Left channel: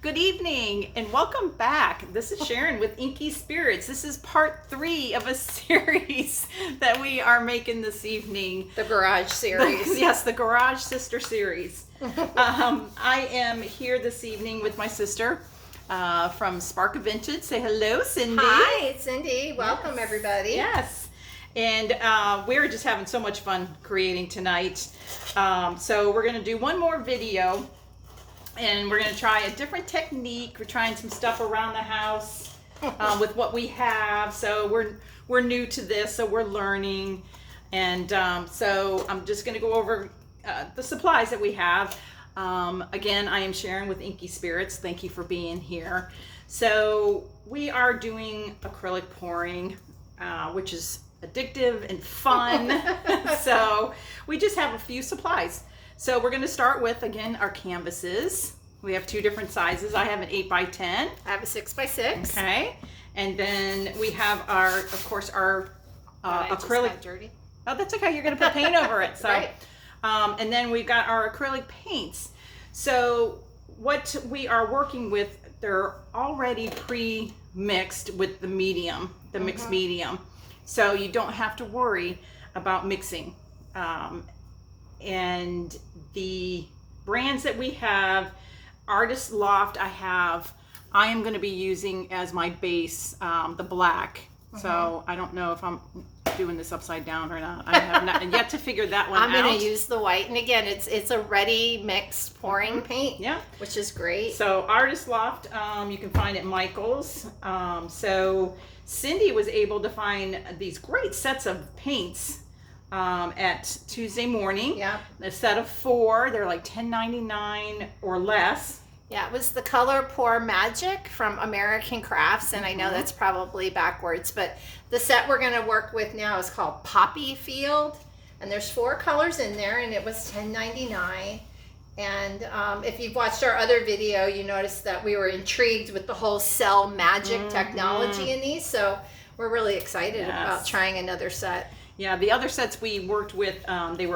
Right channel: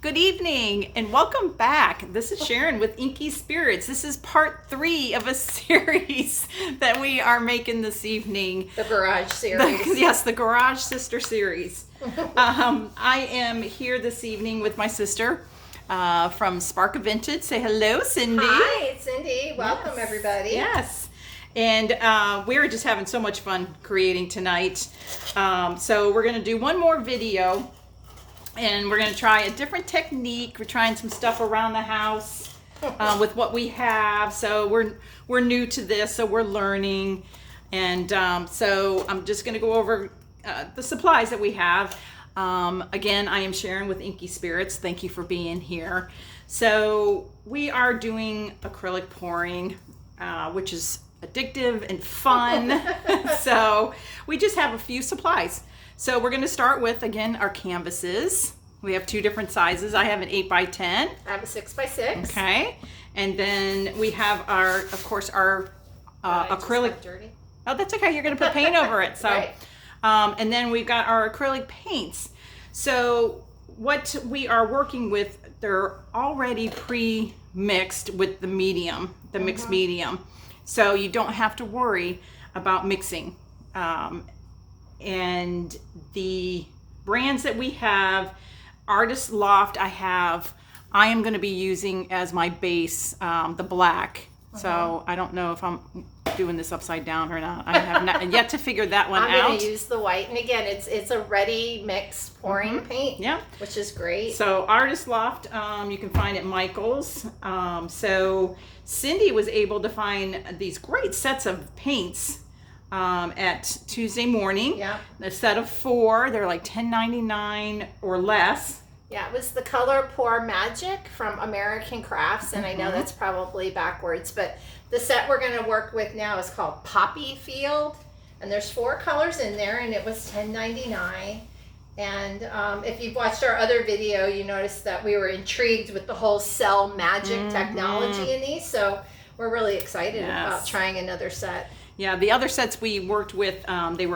Good evening and welcome back. This is Sharon with Inky Spirits. This is part 3 of a series that we are making this evening. The Garage series. Yes, the Garage Sister series. I am here this evening with my sister from Spark of Vintage. Say hello, Cindy. Hi, it's Cindy. Welcome, everybody. Yes. And we're just having so much fun creating tonight. So we're going to do one more video. And we're going to try a different technique. We're trying some stuff around the house with what we have. So we're new to this, so we're learning. And so I'm just going to go over the supplies that we have. Again, I am Sharon with Inky Spirits. Thank you for being here. So we are doing acrylic pouring, which is addictive and fun. So we just have a few supplies. So we're going to start with, again, our canvases. We have 2 different sizes. I have an 8x10. I have a 6x6. Okay. And then we have our, of course, our acrylic. Dirty. Oh, that's okay. You're going to put paint over it. So, Right. And then we've got our acrylic paints. So what we are working with, they're already pre-mixed with the medium, the mixed medium. So you don't have to worry about mixing. And the brands that we have, Artist Loft, I am going to be using as my base, the black. So I don't know if I'm doing this upside down or not. I have not yet to figure that one out. I'm going to use the white. And again, it's a ready mixed pouring paint, Yeah. which is great. So Artist Loft, you can find at Michael's. So Cindy was able to find these great sets of paints at Tuesday Morning. Yeah. A set of 4. They're like $10.99 or less. Yeah, it was the Color Pour Magic from American Crafts, and I know that's probably backwards, but the set we're going to work with now is called Poppy Field, and there's 4 colors in there, and it was $10.99. And if you've watched our other video, you noticed that we were intrigued with the whole cell magic technology in these, so we're really excited about trying another set. Yeah, the other sets we worked with, they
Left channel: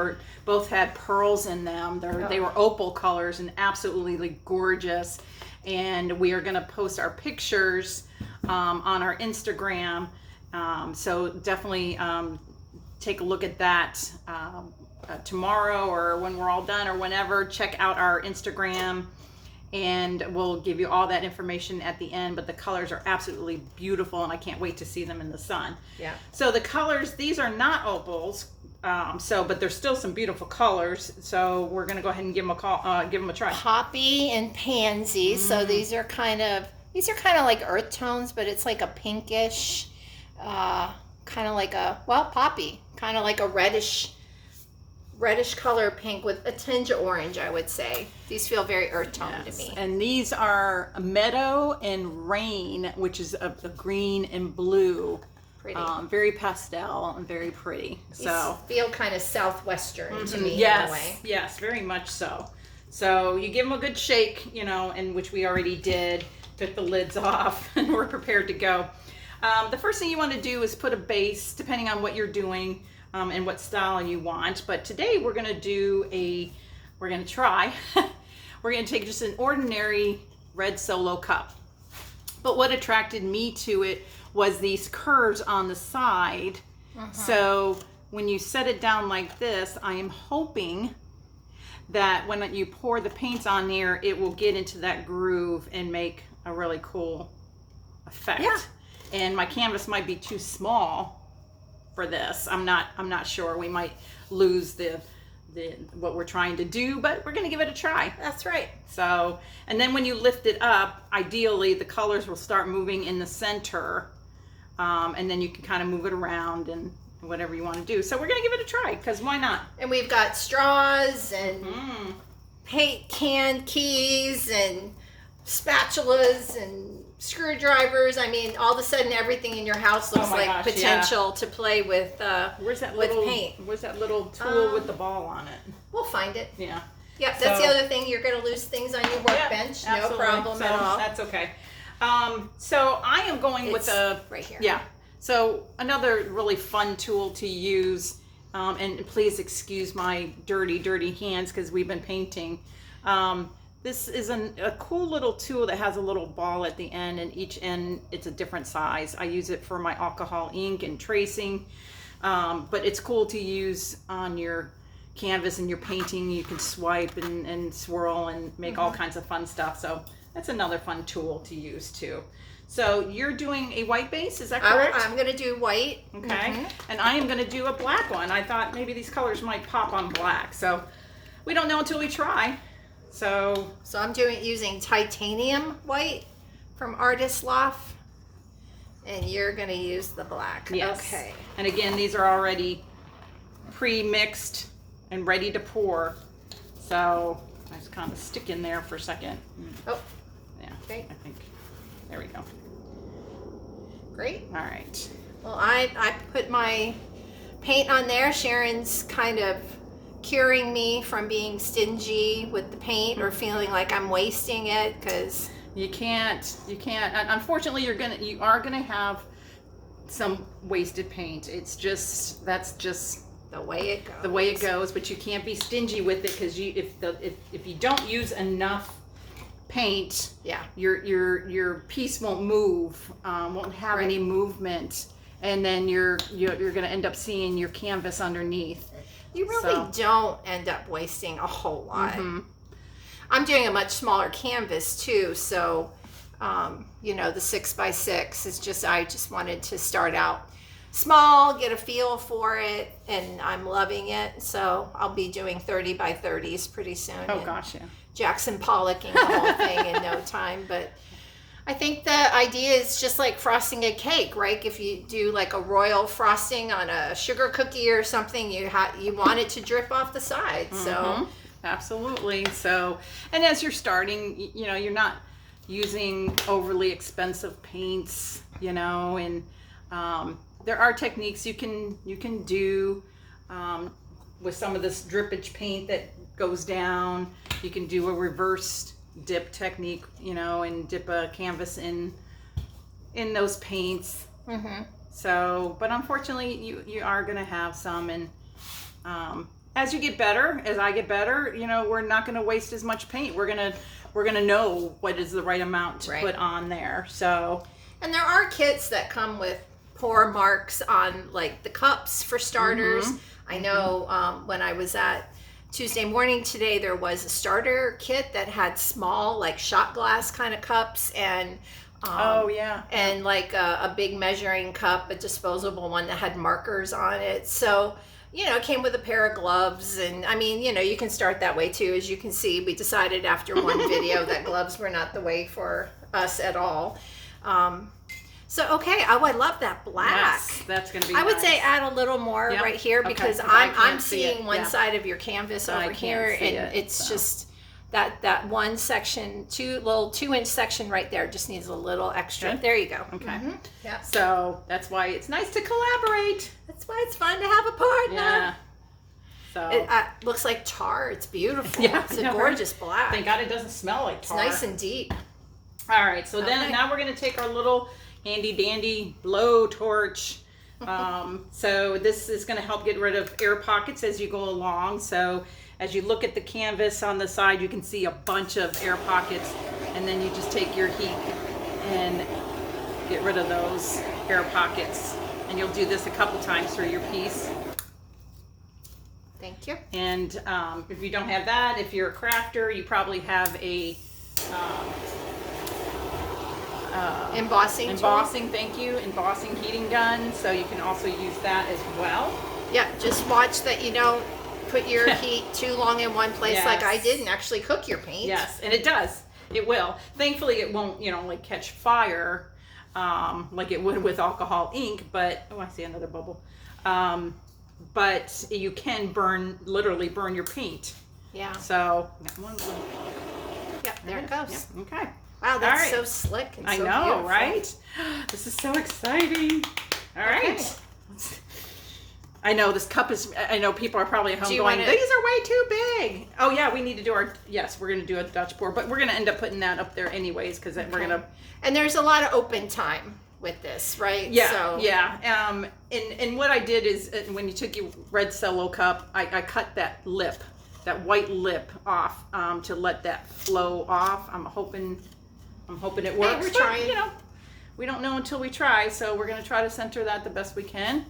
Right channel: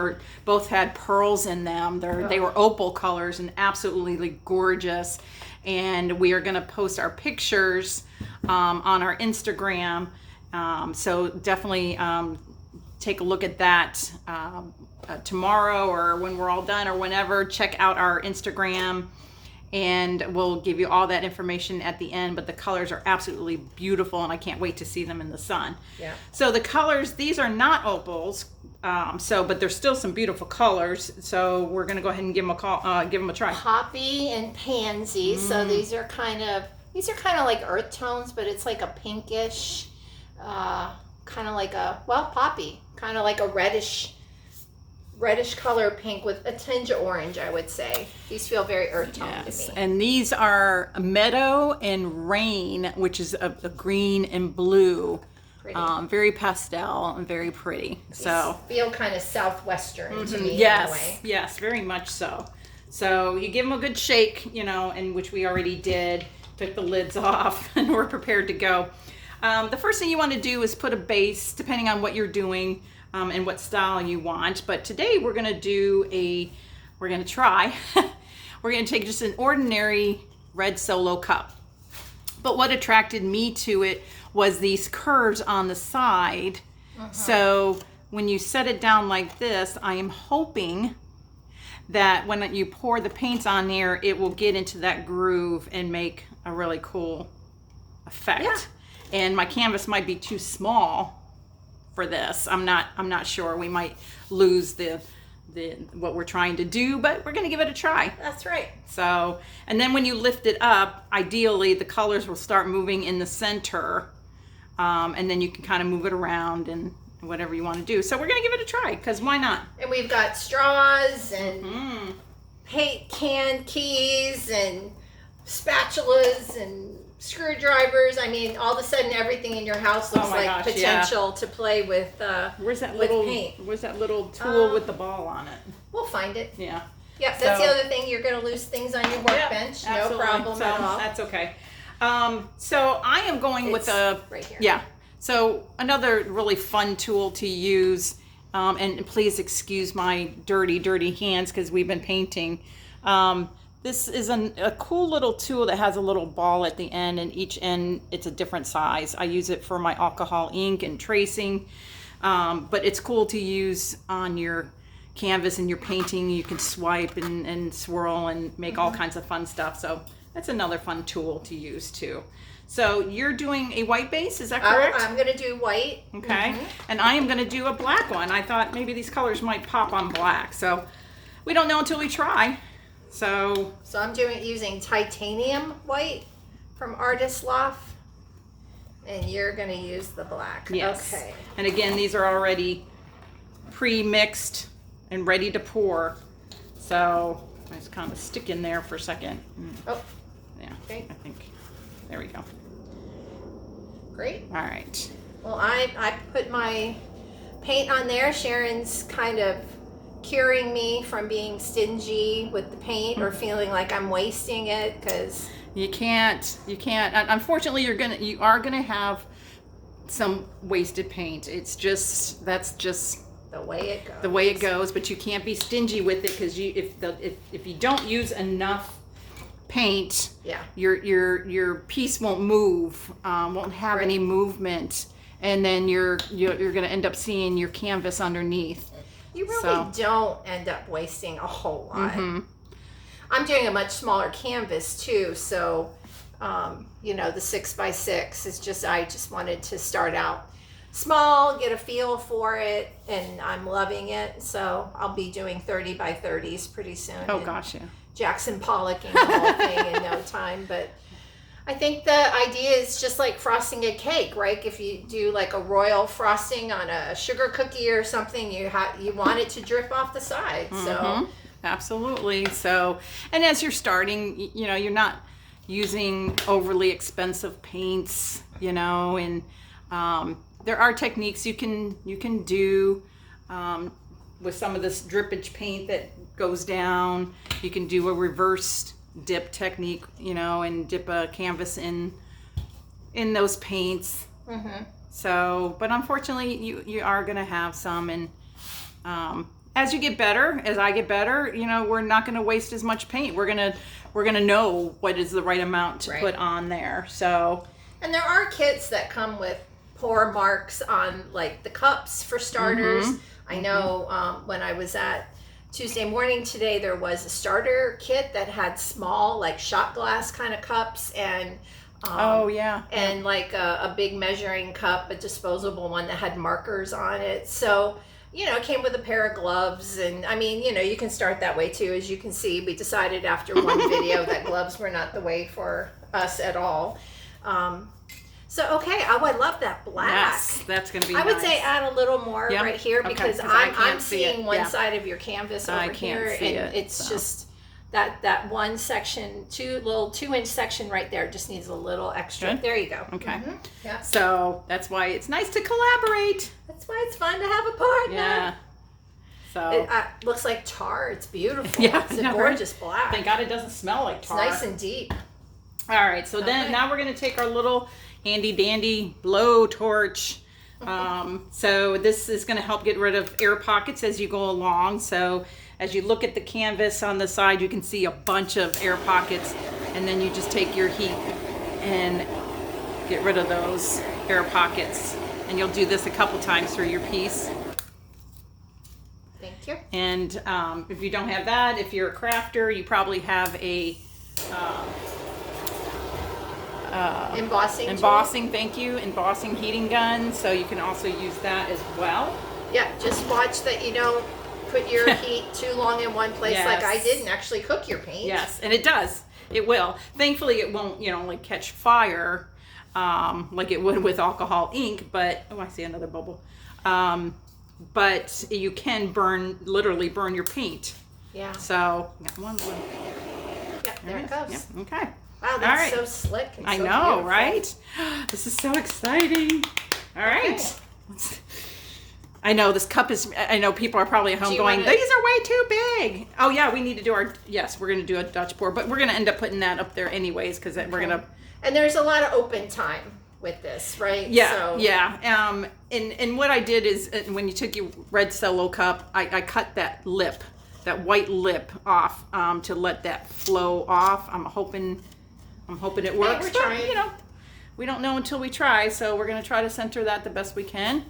both had pearls in them. They were opal colors and absolutely gorgeous. And we are going to post our pictures on our Instagram. So definitely take a look at that tomorrow or when we're all done or whenever. Check out our Instagram. And we'll give you all that information at the end, but the colors are absolutely beautiful, and I can't wait to see them in the sun. Yeah. So the colors, these are not opals, but there's still some beautiful colors. So we're gonna go ahead and give them a try. Poppy and pansy. So these are kind of like earth tones, but it's like a pinkish, kind of like poppy, kind of like a reddish color pink with a tinge of orange, I would say. These feel very earth tone to me. And these are Meadow and Rain, which is a green and blue. Pretty. Very pastel and very pretty. These feel kind of southwestern to me in a way. Yes, very much so. So you give them a good shake, and which we already did. Took the lids off and we're prepared to go. The first thing you want to do is put a base, depending on what you're doing. And what style you want. But today we're going to try, we're going to take just an ordinary red Solo cup. But what attracted me to it was these curves on the side. So when you set it down like this, I am hoping that when you pour the paints on here, it will get into that groove and make a really cool effect. Yeah. And my canvas might be too small for this. I'm not sure. We might lose the what we're trying to do, but we're going to give it a try. That's right. So, and then when you lift it up, ideally the colors will start moving in the center, and then you can kind of move it around and whatever you want to do. So we're going to give it a try, because why not? And we've got straws and paint can keys and spatulas and screwdrivers. I mean, all of a sudden everything in your house looks like potential to play with Where's that with little paint. Where's that little tool with the ball on it? We'll find it. Yeah. Yeah, that's the other thing. You're going to lose things on your workbench. No problem at all. That's okay. So I am going with right here. Yeah. So another really fun tool to use, and please excuse my dirty hands because we've been painting. This is a cool little tool that has a little ball at the end, and each end it's a different size. I use it for my alcohol ink and tracing, but it's cool to use on your canvas and your painting. You can swipe and swirl and make all kinds of fun stuff. So that's another fun tool to use too. So you're doing a white base, is that correct? I'm going to do white. Okay, and I am going to do a black one. I thought maybe these colors might pop on black, so we don't know until we try. So I'm using titanium white from Artist Loft, and you're going to use the black. yes. Okay. And again, these are already pre-mixed and ready to pour. So I just kind of stick in there for a second. Oh, Yeah, okay. I think. There we go. Great. All right. Well, I put my paint on there. Sharon's kind of curing me from being stingy with the paint or feeling like I'm wasting it, because You can't. Unfortunately, you are gonna have some wasted paint. That's just the way it goes. the way it goes. But you can't be stingy with it, because if you don't use enough paint, Yeah. your piece won't move, won't have Right. any movement, and then you're gonna end up seeing your canvas underneath. You really don't end up wasting a whole lot. Mm-hmm. I'm doing a much smaller canvas too, so the 6x6 is just, I just wanted to start out small, get a feel for it, and I'm loving it. So I'll be doing 30 by 30s pretty soon. Oh and gosh, yeah. Jackson Pollocking the whole thing in no time. But I think the idea is just like frosting a cake, right? If you do like a royal frosting on a sugar cookie or something, you want it to drip off the side. So absolutely. So, and as you're starting, you're not using overly expensive paints, and there are techniques you can do with some of this drippage paint that goes down. You can do a reverse dip technique, and dip a canvas in those paints. So, but unfortunately, you are going to have some, and as you get better, as I get better, we're not going to waste as much paint. We're gonna know what is the right amount to put on there. So, and there are kits that come with pour marks on like the cups for starters. I know when I was at Tuesday Morning today, there was a starter kit that had small, like shot glass kind of cups, and and like a big measuring cup, a disposable one that had markers on it. So it came with a pair of gloves, and I mean, you can start that way too. As you can see, we decided after one video that gloves were not the way for us at all. So okay, I love that black. Yes, that's going to be I would say add a little more right here, because I'm seeing one side of your canvas over here, and it's just that one section, 2-inch section right there just needs a little extra. Good. There you go. Okay. Yeah. So that's why it's nice to collaborate. That's why it's fun to have a partner. Yeah. So It looks like tar. It's beautiful. Yeah, It's a gorgeous black. Thank God it doesn't smell like It's tar. nice and deep. All right, so then now we're going to take our little handy dandy blow torch. So this is going to help get rid of air pockets as you go along. So as you look at the canvas on the side, you can see a bunch of air pockets, and then you just take your heat and get rid of those air pockets. And you'll do this a couple times through your piece. Thank you. And if you don't have that, if you're a crafter, you probably have a embossing thank you, embossing heating gun, so you can also use that as well. Yeah, just watch that you don't put your heat too long in one place like I did and actually cook your paint. Yes, and it does. It will. Thankfully, it won't, like catch fire like it would with alcohol ink, but, oh, I see another bubble. But you can literally burn your paint. Yeah. So, one. Yeah, there it goes. Yeah, okay. Wow, that's so slick and I so know, beautiful. right? This is so exciting. All right. I know this cup is, I know people are probably at home going, these are way too big. Oh yeah, we need to do we're going to do a Dutch pour, but we're going to end up putting that up there anyways, because we're going to. And there's a lot of open time with this, right? Yeah, so. And what I did is when you took your red Cello cup, I cut that lip that white lip off to let that flow off. I'm hoping it works. Hey, we're trying. You know, we don't know until we try, so we're gonna try to center that the best we can.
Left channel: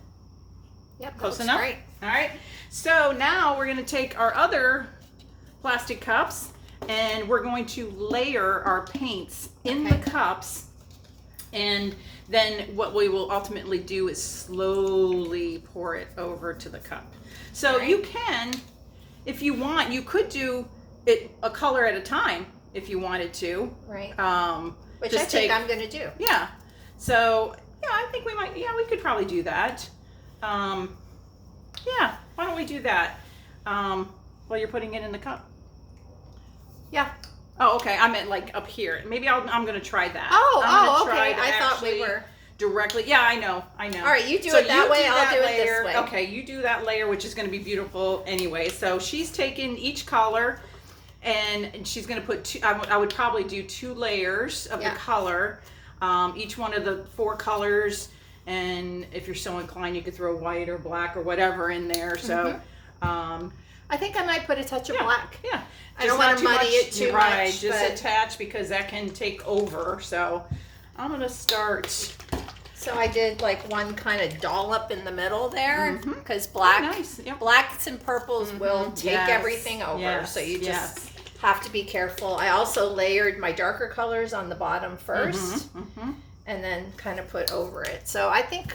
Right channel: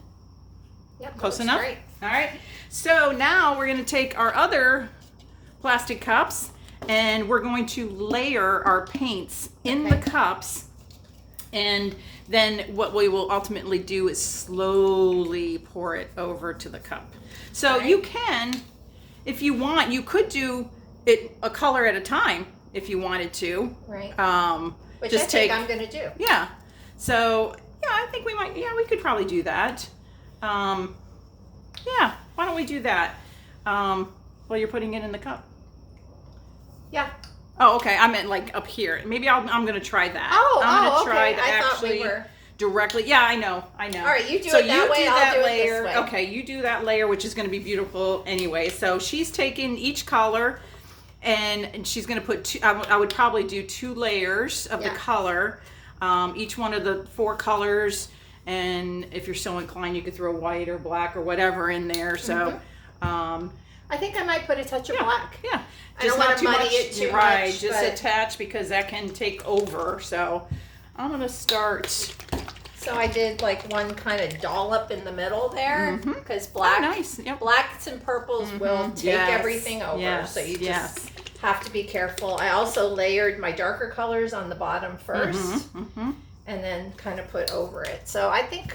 Yep, Close enough. great. All right. So now we're gonna take our other plastic cups and we're going to layer our paints in the cups, and then what we will ultimately do is slowly pour it over to the cup. So you can, if you want, you could do it a color at a time if you wanted to. Right. Which just I think I'm going to do. Yeah. So, yeah, I think we might, we could probably do that. Yeah, why don't we do that while you're putting it in the cup? Yeah. Oh, okay. I meant like up here. Maybe I'm going to try that. Oh, try okay. to I thought actually we were directly. Yeah, I know. All right, you do it that way. I'll do it this way. Okay, you do that layer, which is going to be beautiful anyway. So she's taking each color, and she's going to put two. I would probably do 2 layers of the color, each one of the 4 colors. And if you're so inclined, you could throw white or black or whatever in there. So, I think I might put a touch of black. Yeah, I don't want to muddy it too much. Just attach, because that can take over. So I'm gonna start. So I did like one kind of dollop in the middle there, because blacks and purples will take everything over. So you just have to be careful. I also layered my darker colors on the bottom first, and then kind of put over it. So I think,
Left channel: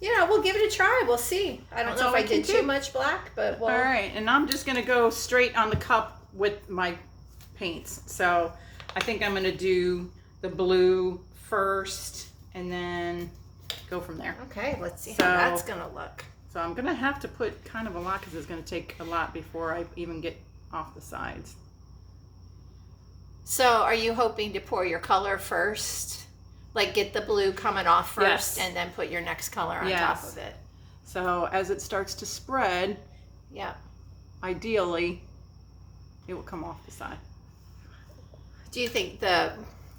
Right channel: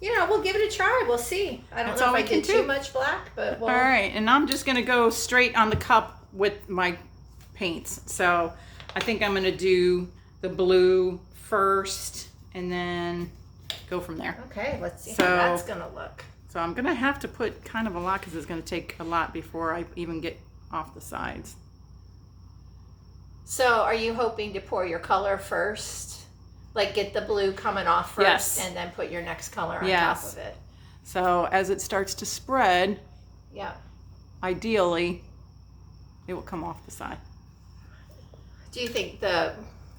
we'll give it a try. We'll see. I don't know if I did too much black, but we'll... All right, and I'm just gonna go straight on the cup with my paints. So I think I'm gonna do the blue first, and then go from there. Okay, let's see how that's gonna look. So I'm gonna have to put kind of a lot, because it's gonna take a lot before I even get off the sides. So are you hoping to pour your color first? Like get the blue coming off first, and then put your next color on top of it. So as it starts to spread, ideally, it will come off the side. Do you think the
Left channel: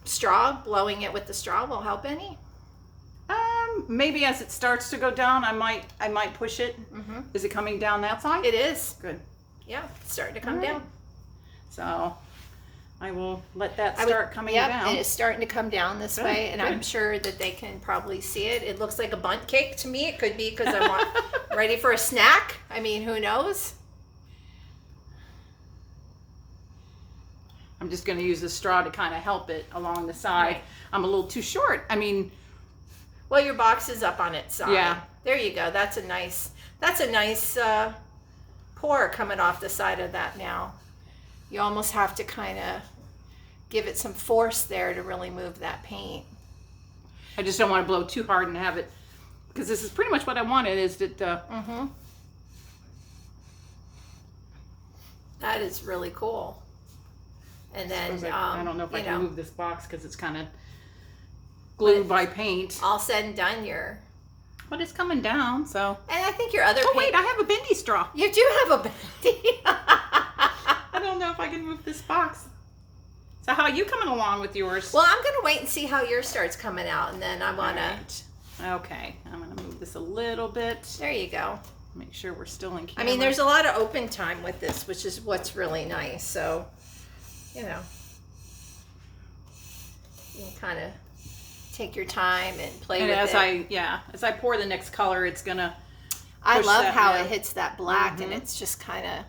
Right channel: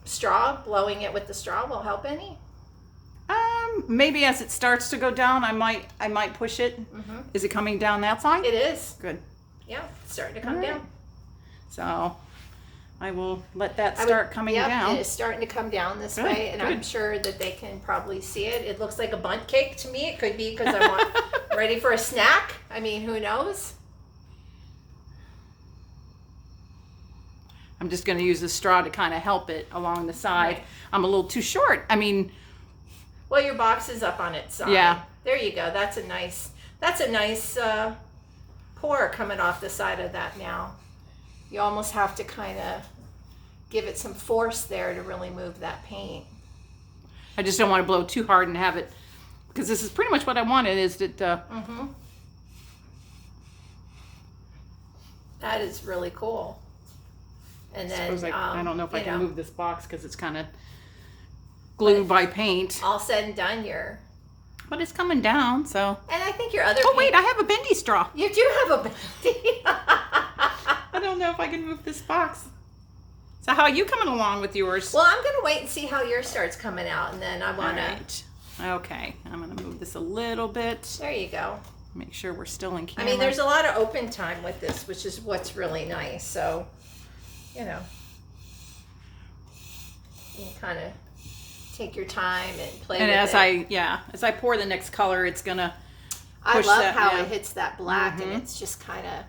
straw, blowing it with the straw, will help any? Maybe as it starts to go down, I might push it. Is it coming down that side? It is. Good. Yeah, it's starting to come down. So I will let that start coming down. And it's starting to come down this way, and I'm sure that they can probably see it. It looks like a bundt cake to me. It could be because I'm ready for a snack. I mean, who knows? I'm just going to use the straw to kind of help it along the side. I'm a little too short. I mean, well, your box is up on its side. Yeah. There you go. That's a nice pour coming off the side of that now. You almost have to kind of give it some force there to really move that paint. I just don't want to blow too hard and have it, because this is pretty much what I wanted, is that that is really cool. And then I don't know if I can move this box because it's kind of glued by paint. All said and done, but it's coming down. So. And I think your other. Oh wait, I have a bendy straw. You do have a bendy. I don't know if I can move this box. So how are you coming along with yours? Well, I'm gonna wait and see how yours starts coming out, and then I wanna. Right. Okay, I'm gonna move this a little bit. There you go. Make sure we're still in camera. I mean, there's a lot of open time with this, which is what's really nice. So, you can kind of take your time and play with it. As I pour the next color, it's gonna. I love how it hits that black, and it's just kind of.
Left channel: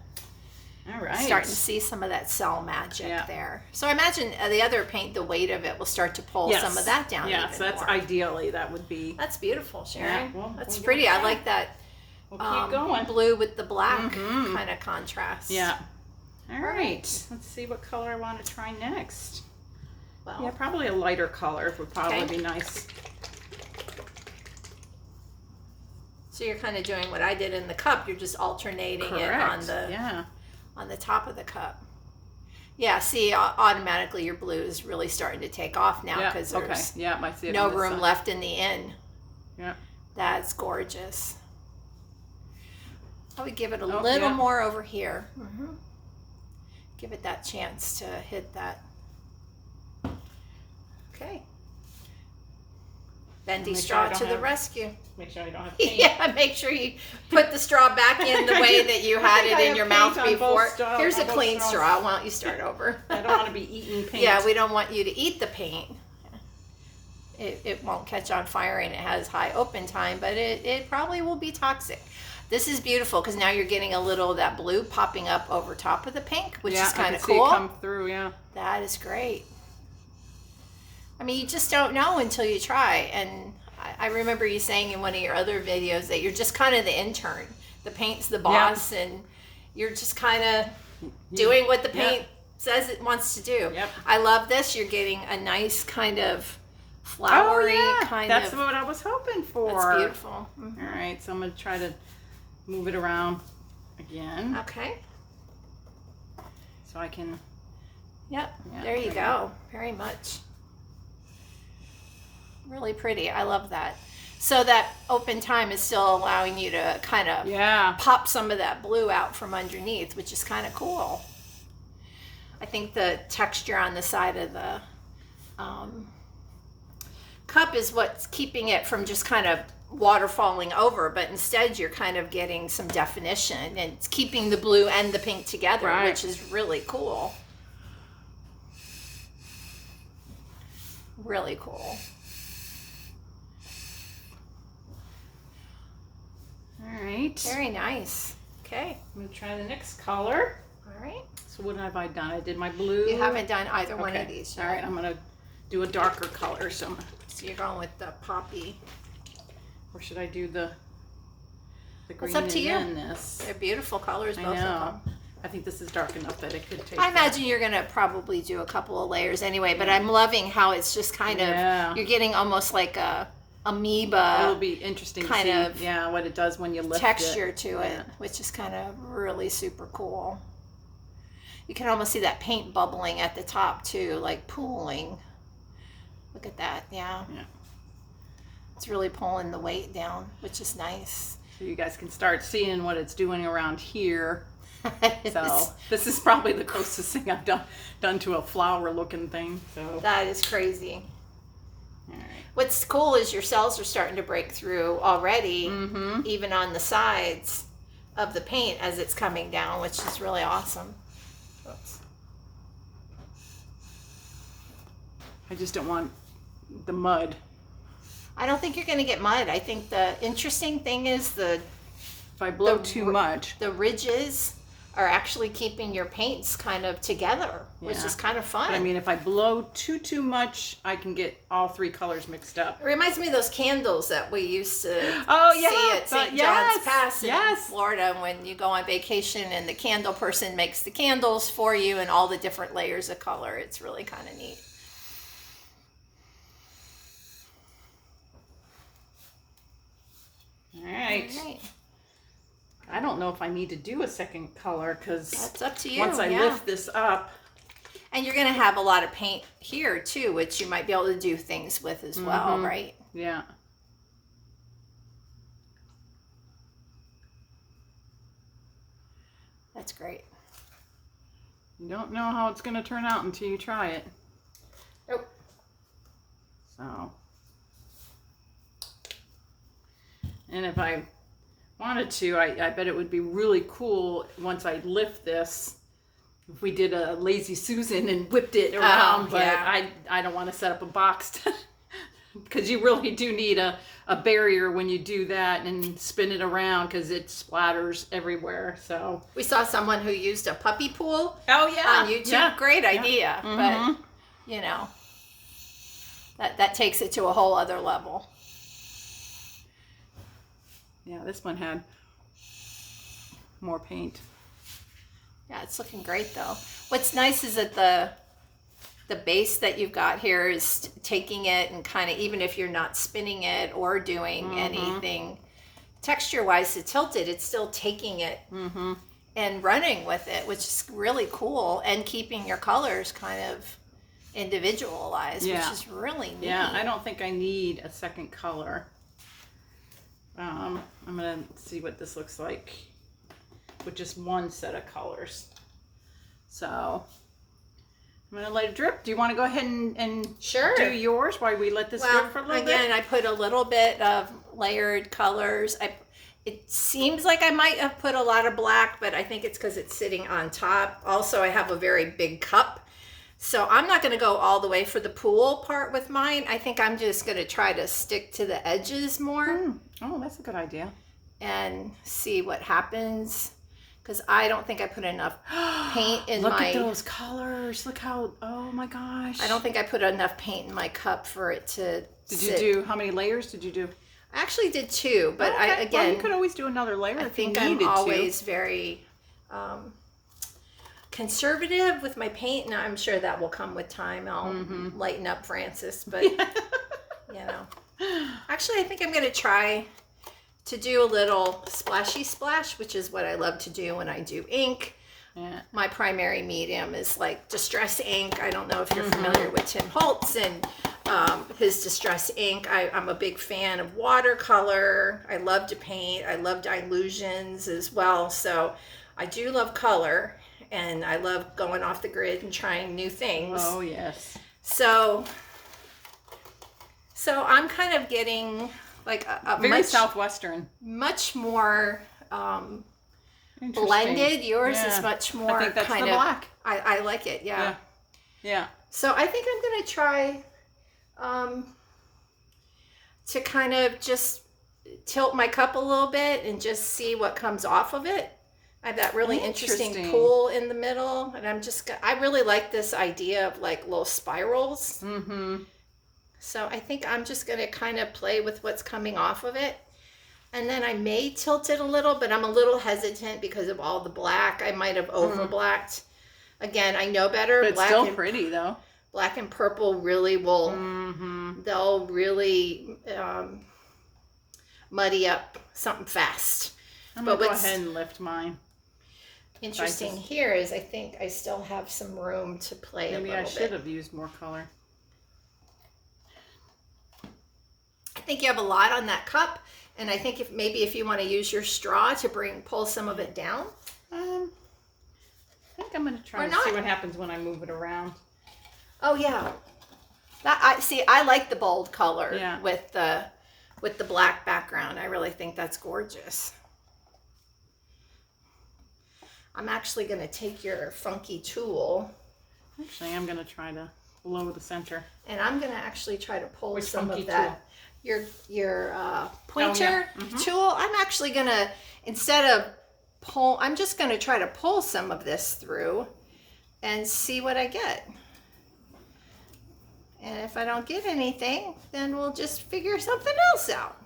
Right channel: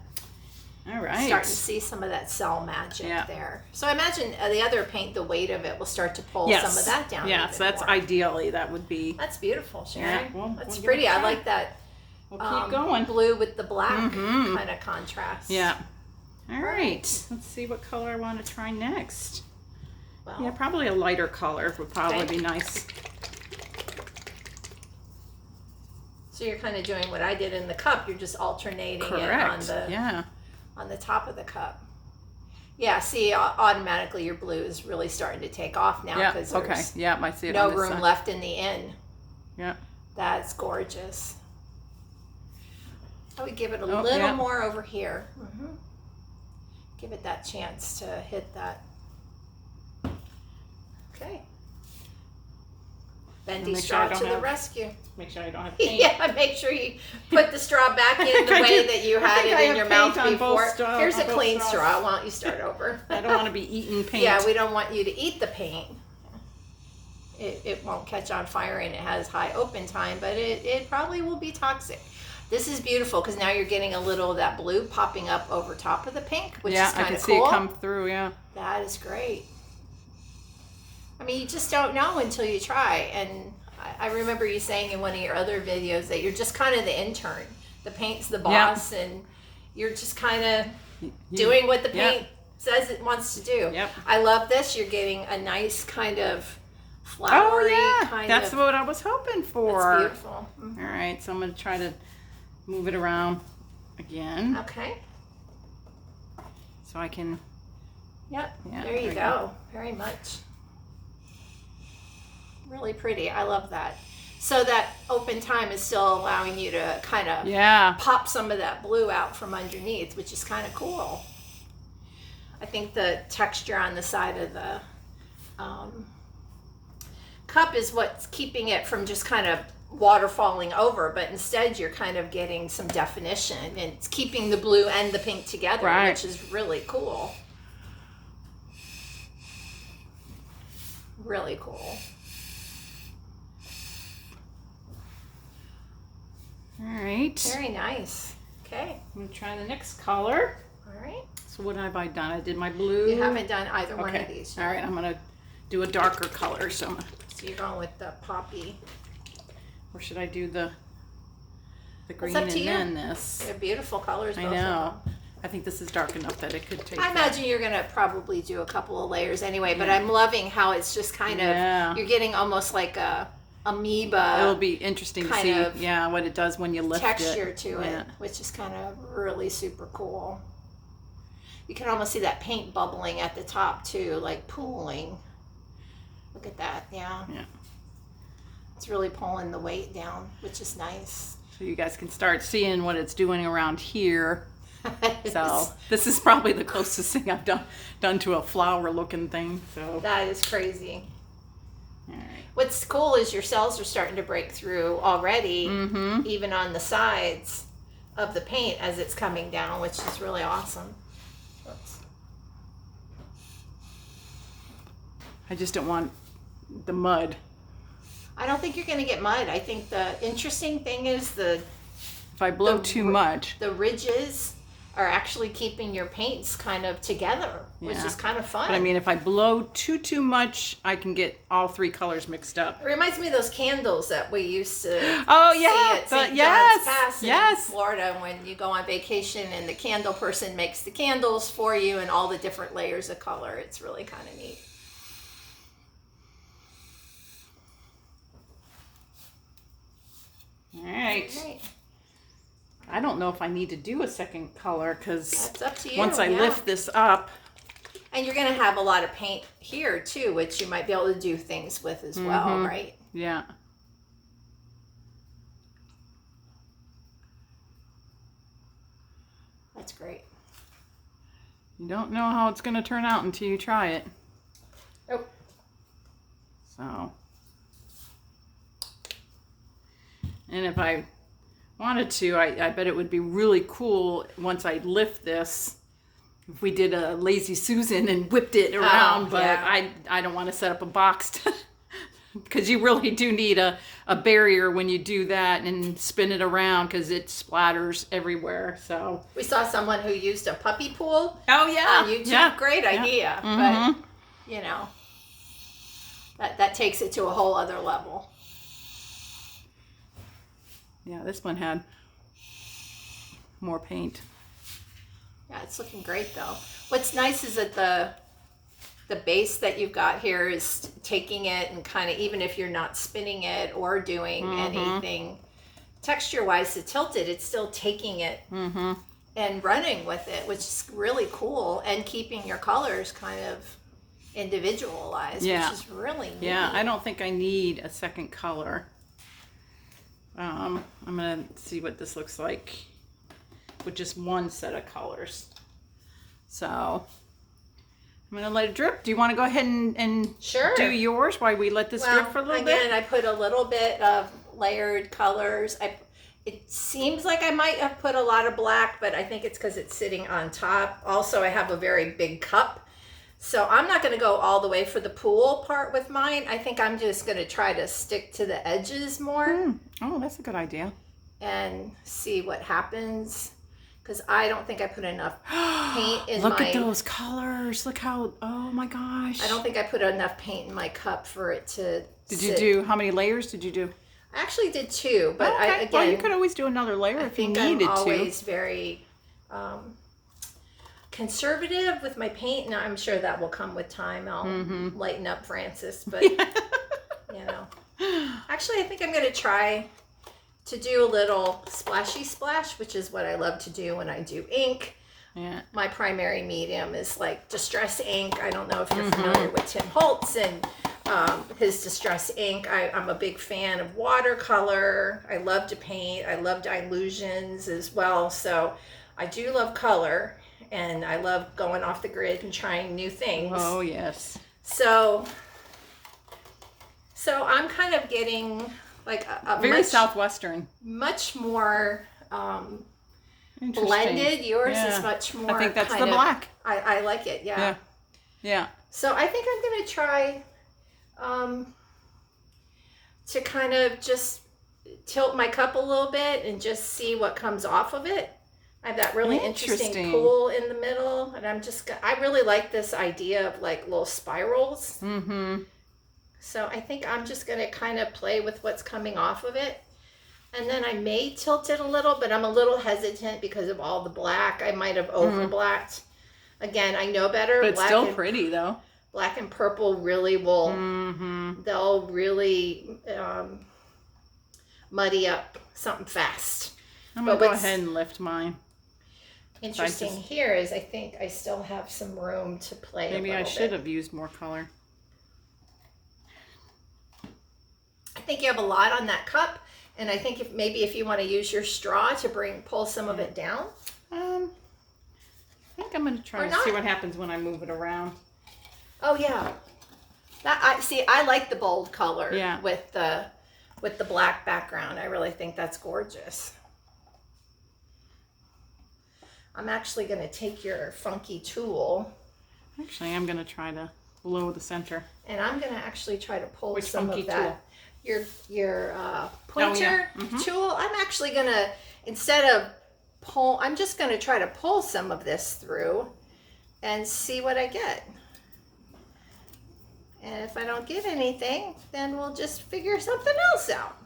All right. Starting to see some of that cell magic there. So I imagine the other paint, the weight of it will start to pull some of that down. Yes, that's ideally that would be. That's beautiful, Sharon. Yeah, well, that's pretty. I like that. We'll keep going. Blue with the black kind of contrast. Yeah. All right. Let's see what color I want to try next. Well, yeah, probably a lighter color would probably be nice. So you're kind of doing what I did in the cup. You're just alternating it on the top of the cup. Yeah, see, automatically your blue is really starting to take off now because there's I see it no room left in the end. Yeah. That's gorgeous. I would give it a little more over here. Give it that chance to hit that. Okay. Bendy Make sure straw I don't to the have- rescue. Make sure I don't have paint. Yeah, make sure you put the straw back in the I way do. that you I had think I it in have your paint mouth on both before. straw- Here's on a both clean straws. straw. Why don't you start over? I don't want to be eating paint. Yeah, we don't want you to eat the paint. It won't catch on fire and it has high open time, but it probably will be toxic. This is beautiful because now you're getting a little of that blue popping up over top of the pink, which is I kind can of see cool. it come through. Yeah. That is great. I mean, you just don't know until you try. And I remember you saying in one of your other videos that you're just kind of the intern. The paint's the boss, and you're just kind of doing what the paint says it wants to do. Yep. I love this. You're getting a nice kind of flowery kind That's of. what I was hoping for. That's beautiful. Mhm. All right, so I'm going to try to move it around again Okay. so I can. Yep. Yeah, there you we go. Very much. Really pretty. I love that. So that open time is still allowing you to kind of pop some of that blue out from underneath, which is kind of cool. I think the texture on the side of the cup is what's keeping it from just kind of water falling over, but instead you're kind of getting some definition and it's keeping the blue and the pink together, which is really cool. Really cool. All right. Very nice. Okay. I'm going to try the next color. All right. So what have I done? I did my blue. You haven't done either one of these yet. All right, I'm going to do a darker color. So you're going with the poppy. Or should I do the green It's up to and you. then this? They're beautiful colors, I both know. of them. I think this is dark enough that it could take. I imagine you're going to probably do a couple of layers anyway, but I'm loving how it's just kind of, you're getting almost like a amoeba. It'll be interesting to kind see, of what it does when you lift texture it. to it, which is kind of really super cool. You can almost see that paint bubbling at the top too, like pooling. Look at that, yeah. It's really pulling the weight down, which is nice. So you guys can start seeing what it's doing around here. So this is probably the closest thing I've done to a flower looking thing. So that is crazy. All right. What's cool is your cells are starting to break through already, even on the sides of the paint as it's coming down, which is really awesome. I just don't want the mud. I don't think you're going to get mud. I think the interesting thing is if I blow too much, the ridges are actually keeping your paints kind of together, which is kind of fun. But I mean, if I blow too much, I can get all three colors mixed up. It reminds me of those candles that we used to see at St. John's Pass in Florida when you go on vacation and the candle person makes the candles for you and all the different layers of color. It's really kind of neat. All right. I don't know if I need to do a second color because that's up to you. Once I lift this up. And you're going to have a lot of paint here too, which you might be able to do things with as well, right? Yeah. That's great. You don't know how it's going to turn out until you try it. Nope. So. And if I wanted to, I bet it would be really cool once I lift this, if we did a Lazy Susan and whipped it around, but I don't want to set up a box because you really do need a barrier when you do that and spin it around because it splatters everywhere. So we saw someone who used a puppy pool on YouTube. Yeah. Great idea, but you know, that takes it to a whole other level. Yeah, this one had more paint. Yeah, it's looking great though. What's nice is that the base that you've got here is taking it and kind of, even if you're not spinning it or doing anything texture-wise to tilt it, it's still taking it and running with it, which is really cool, and keeping your colors kind of individualized, which is really neat. Yeah, I don't think I need a second color. I'm going to see what this looks like with just one set of colors. So I'm gonna let it drip. Do you want to go ahead and Sure. do yours while we let this drip for a little bit? Again, I put a little bit of layered colors. It seems like I might have put a lot of black, but I think it's because it's sitting on top. Also, I have a very big cup. So I'm not going to go all the way for the pool part with mine. I think I'm just going to try to stick to the edges more. Oh, that's a good idea. And see what happens. Because I don't think I put enough paint in Look at those colors. Look how, oh my gosh. I don't think I put enough paint in my cup for it to Did you do, how many layers did you do? I actually did 2, but Okay. Well, you could always do another layer if you needed to. I'm always very conservative with my paint, and I'm sure that will come with time. I'll lighten up Francis, but you know. Actually, I think I'm going to try to do a little splashy splash, which is what I love to do when I do ink. Yeah. My primary medium is like Distress ink. I don't know if you're familiar with Tim Holtz and his Distress ink. I'm a big fan of watercolor. I love to paint. I love dilutions as well. So I do love color, and I love going off the grid and trying new things. Oh, yes. So I'm kind of getting like a very southwestern, much more blended. Yours is much more. I think that's kind the of black. I like it. Yeah. Yeah. So I think I'm going to try to kind of just tilt my cup a little bit and just see what comes off of it. I have that really interesting pool in the middle, and I really like this idea of like little spirals. So I think I'm just going to kind of play with what's coming off of it. And then I may tilt it a little, but I'm a little hesitant because of all the black. I might have over blacked. Again, I know better. But it's still pretty though. Black and purple really will, they'll really muddy up something fast. I'm going to go ahead and lift mine. Interesting here is I think I still have some room to play Maybe a I little should bit. have used more color. I think you have a lot on that cup, and I think if you want to use your straw to pull some of it down. I think I'm going to try to see what happens when I move it around. Oh yeah, I like the bold color with the black background. I really think that's gorgeous. I'm actually going to take your funky tool. Actually, I'm going to try to blow the center. And I'm going to actually try to pull Which some funky of that. tool? Your pointer tool. I'm actually going to, instead of pull, I'm just going to try to pull some of this through and see what I get. And if I don't get anything, then we'll just figure something else out.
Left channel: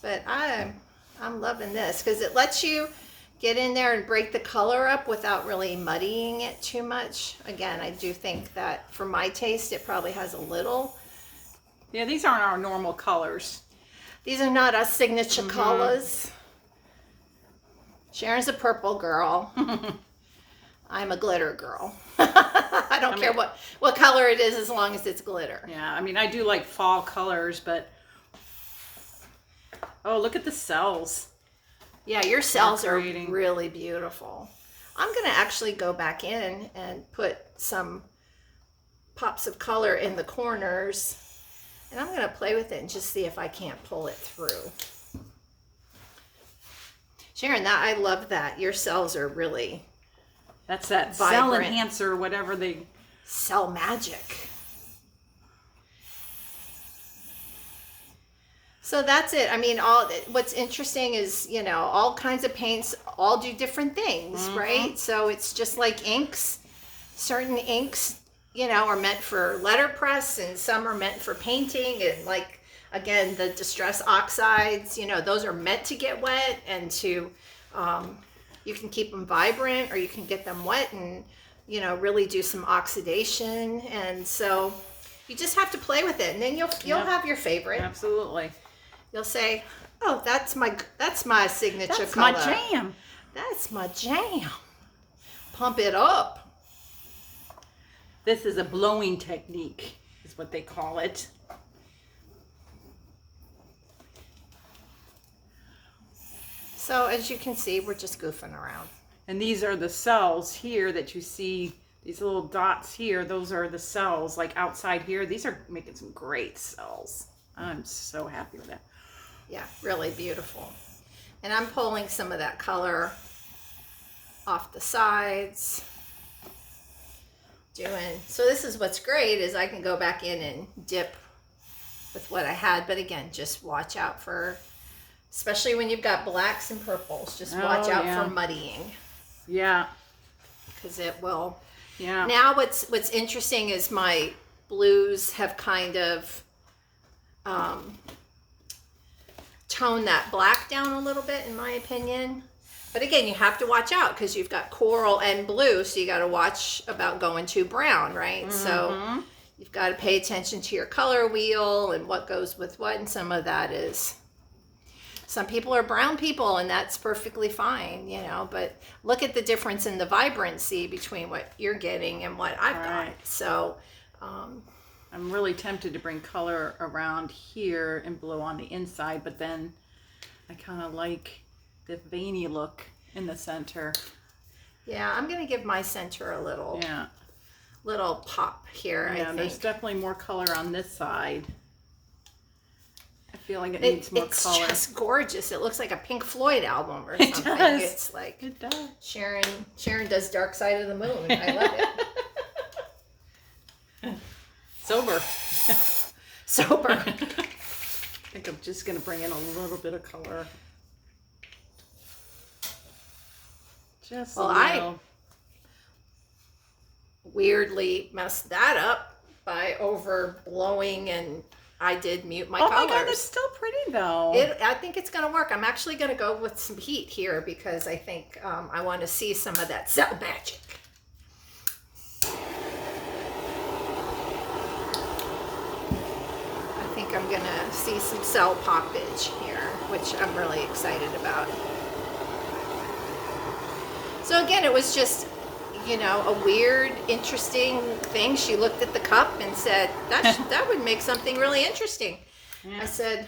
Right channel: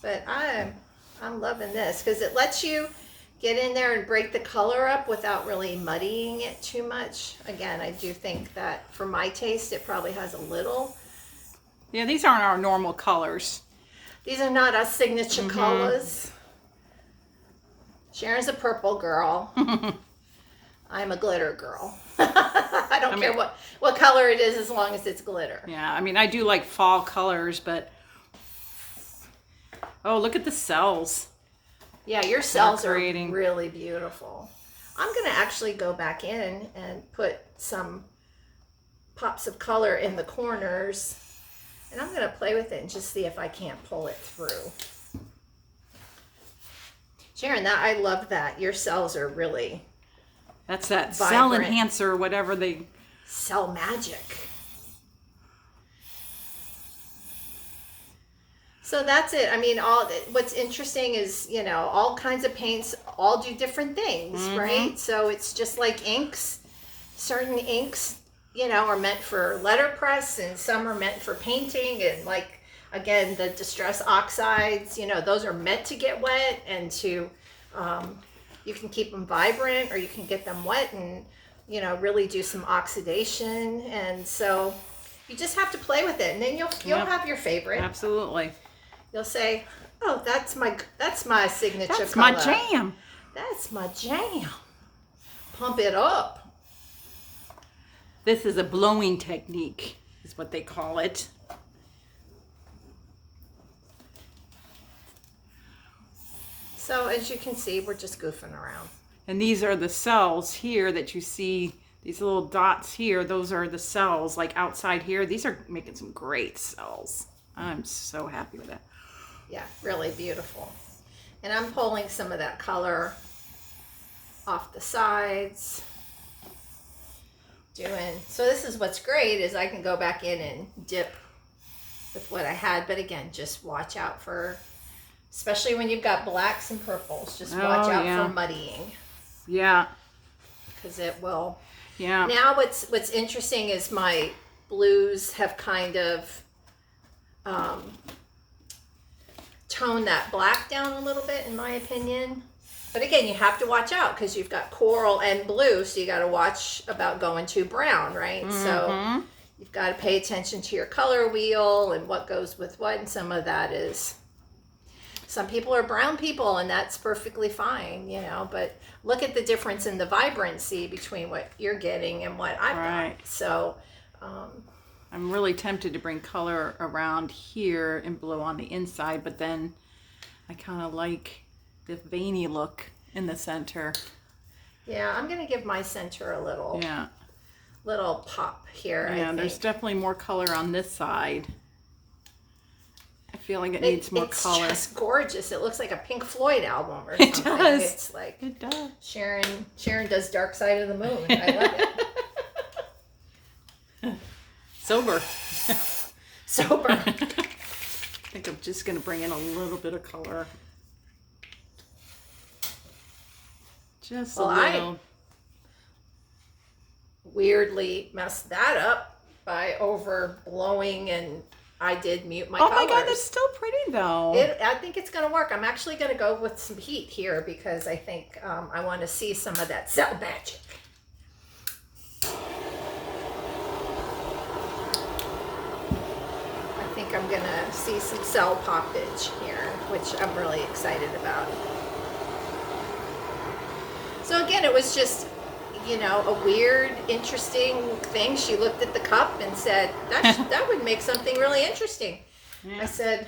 But I'm loving this because it lets you get in there and break the color up without really muddying it too much. Again, I do think that for my taste, it probably has a little. Yeah, these aren't our normal colors. These are not our signature colors. Sharon's a purple girl. I'm a glitter girl. I don't care what color it is as long as it's glitter. Yeah, I mean, I do like fall colors, but... Oh, look at the cells. Yeah, your cells are really beautiful. I'm going to actually go back in and put some pops of color in the corners. And I'm going to play with it and just see if I can't pull it through. Sharon, I love that. Your cells are really That's that vibrant. cell enhancer, whatever they... Cell magic. So that's it. I mean, what's interesting is, all kinds of paints all do different things, right? So it's just like inks. Certain inks, are meant for letterpress, and some are meant for painting. And like, again, the Distress oxides, those are meant to get wet and to, you can keep them vibrant, or you can get them wet and, really do some oxidation. And so you just have to play with it, and then you'll have your favorite. Absolutely. You'll say, "Oh, that's my signature That's color. my jam. That's my jam." Pump it up. This is a blowing technique, is what they call it. So as you can see, we're just goofing around. And these are the cells here that you see These little dots here, those are the cells, like outside here. These are making some great cells. I'm so happy with that. Yeah, really beautiful. And I'm pulling some of that color off the sides. So this is what's great is I can go back in and dip with what I had. But again, just watch out for, especially when you've got blacks and purples, just watch out for muddying. Yeah. Because it will. Yeah. Now what's interesting is my blues have kind of toned that black down a little bit, in my opinion. But again, you have to watch out because you've got coral and blue, so you got to watch about going too brown, right? Mm-hmm. So you've got to pay attention to your color wheel and what goes with what, and some of that is, some people are brown people, and that's perfectly fine, you know, but look at the difference in the vibrancy between what you're getting and what I've got. So I'm really tempted to bring color around here and blue on the inside, but then I kind of like the veiny look in the center. Yeah, I'm gonna give my center a little pop here. Yeah, I think there's definitely more color on this side. I feel like it needs more color. It's just gorgeous. It looks like a Pink Floyd album or It something. does. It's like It does. Sharon does Dark Side of the Moon. I love it. Sober. Sober. I think I'm just gonna bring in a little bit of color. Just a little. I weirdly messed that up by overblowing, and I did mute my colors. Oh my god, that's still pretty though. I think it's going to work. I'm actually going to go with some heat here because I think I want to see some of that cell magic. I think I'm going to see some cell poppage here, which I'm really excited about. So again, it was just, you know, a weird, interesting thing. She looked at the cup and said, that would make something really interesting. Yeah. I said,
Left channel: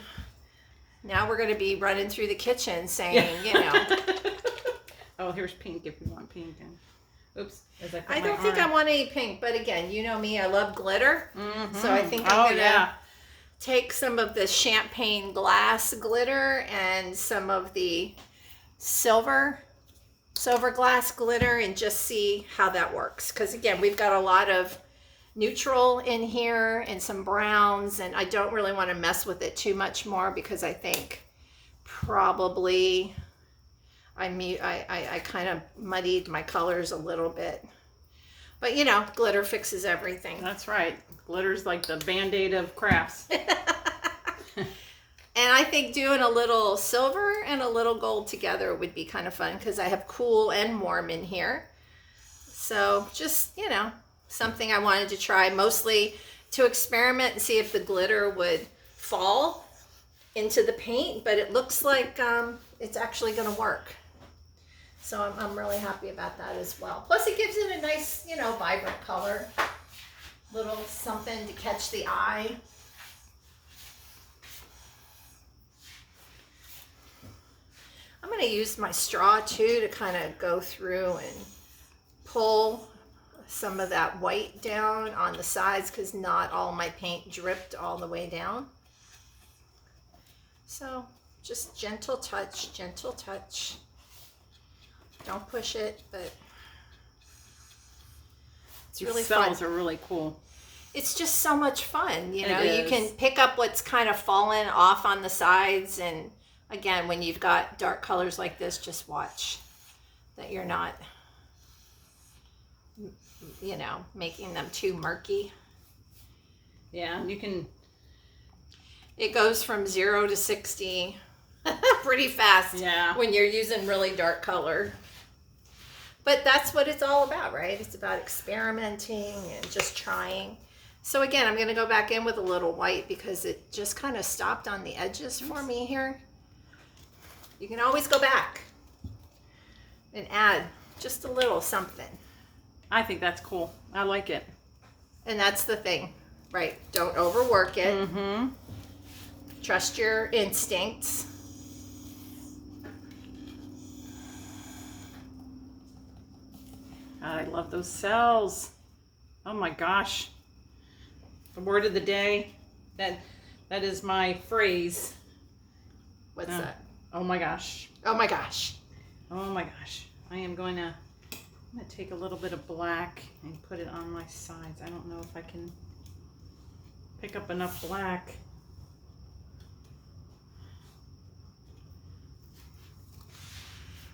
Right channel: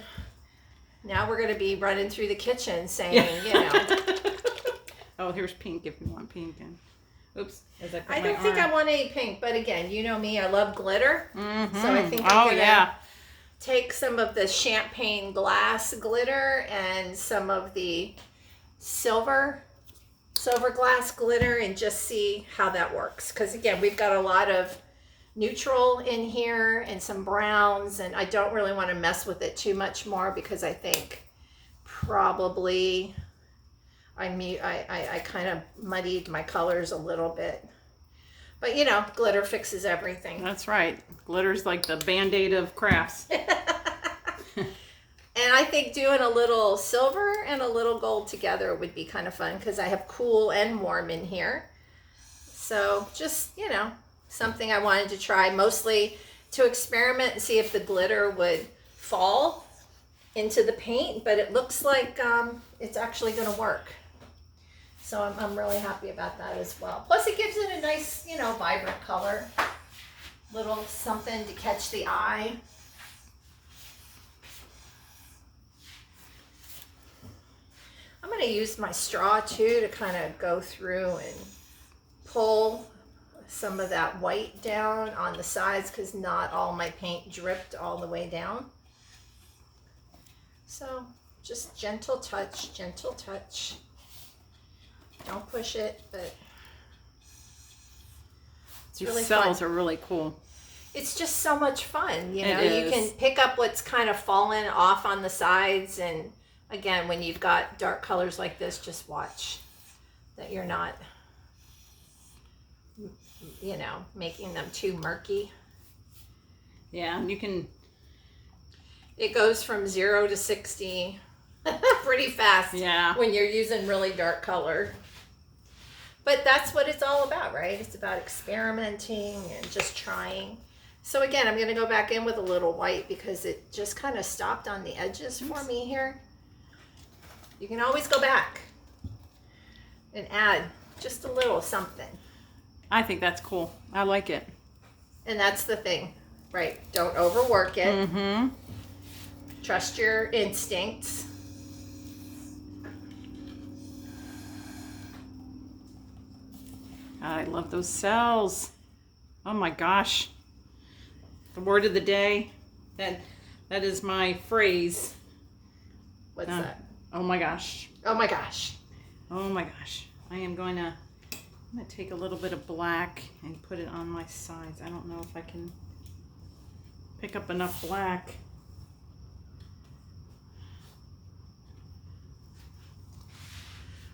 now we're going to be running through the kitchen saying, you know. Oh, here's pink if you want pink. And oops. I don't think I want any pink, but again, you know me, I love glitter. Mm-hmm. So I think I'm going to take some of the champagne glass glitter and some of the silver glass glitter and just see how that works. Because again, we've got a lot of neutral in here and some browns, and I don't really want to mess with it too much more because I think probably I kind of muddied my colors a little bit. But you know, glitter fixes everything. That's right. Glitter's like the Band-Aid of crafts. And I think doing a little silver and a little gold together would be kind of fun because I have cool and warm in here. So just, you know, something I wanted to try, mostly to experiment and see if the glitter would fall into the paint, but it looks like it's actually going to work. So I'm really happy about that as well. Plus it gives it a nice, you know, vibrant color. Little something to catch the eye. I'm going to use my straw too to kind of go through and pull some of that white down on the sides because not all my paint dripped all the way down. So just gentle touch, gentle touch. Don't push it, but it's really fun. These cells are really cool. It's just so much fun, you know. You can pick up what's kind of fallen off on the sides, and again, when you've got dark colors like this, just watch that you're not, you know, making them too murky. Yeah, you can. It goes from 0 to 60 pretty fast. Yeah. When you're using really dark color. But that's what it's all about, right? It's about experimenting and just trying. So again, I'm going to go back in with a little white because it just kind of stopped on the edges for me here. You can always go back and add just a little something. I think that's cool. I like it. And that's the thing, right? Don't overwork it. Mm-hmm. Trust your instincts. I love those cells. Oh my gosh. The word of the day. That is my phrase. What's that? Oh my gosh. Oh my gosh. Oh my gosh. I'm gonna take a little bit of black and put it on my sides. I don't know if I can pick up enough black.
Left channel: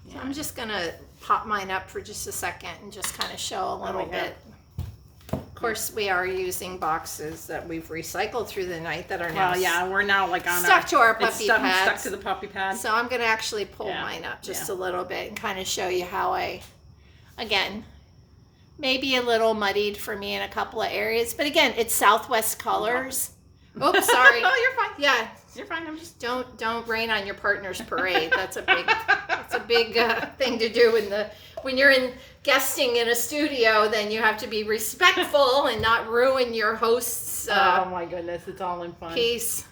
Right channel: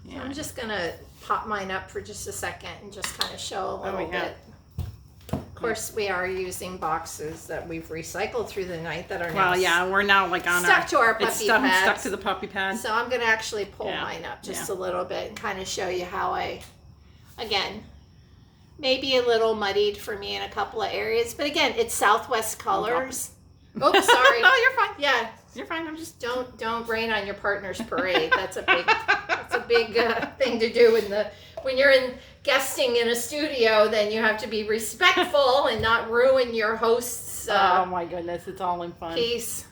Yeah. I'm just gonna pop mine up for just a second and just kind of show a little bit. Of course, we are using boxes that we've recycled through the night that are now we're now like on stuck to our puppy pads. Stuck to the puppy pad. So I'm gonna actually pull mine up just a little bit and kind of show you how again, maybe a little muddied for me in a couple of areas, but again, it's Southwest colors. Oops, sorry. Oh, you're fine. Yeah, you're fine. I'm just don't rain on your partner's parade. That's a big thing to do when you're guesting in a studio. Then you have to be respectful and not ruin your host's. Oh my goodness, it's all in fun. Piece.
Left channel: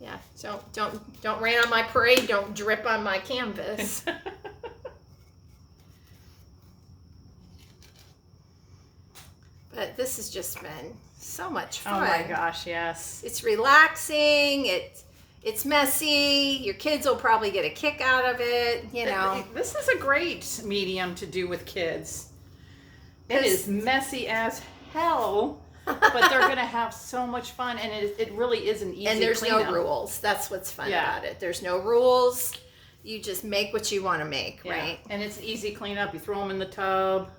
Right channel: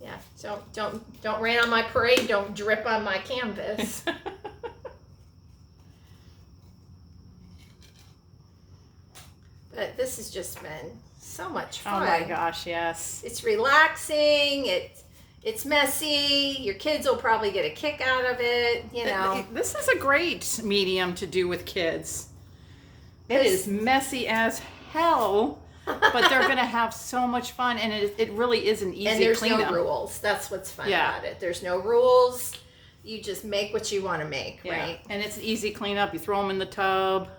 Yeah, so don't rain on my parade. Don't drip on my canvas. But this has just been so much fun. Oh my gosh, yes. It's relaxing. It's messy. Your kids will probably get a kick out of it, you know. This is a great medium to do with kids. It is messy as hell, but they're going to have so much fun, and it really is an easy cleanup. And there's no rules. That's what's fun about it. There's no rules. You just make what you want to make, right? And it's easy cleanup. You throw them in the tub.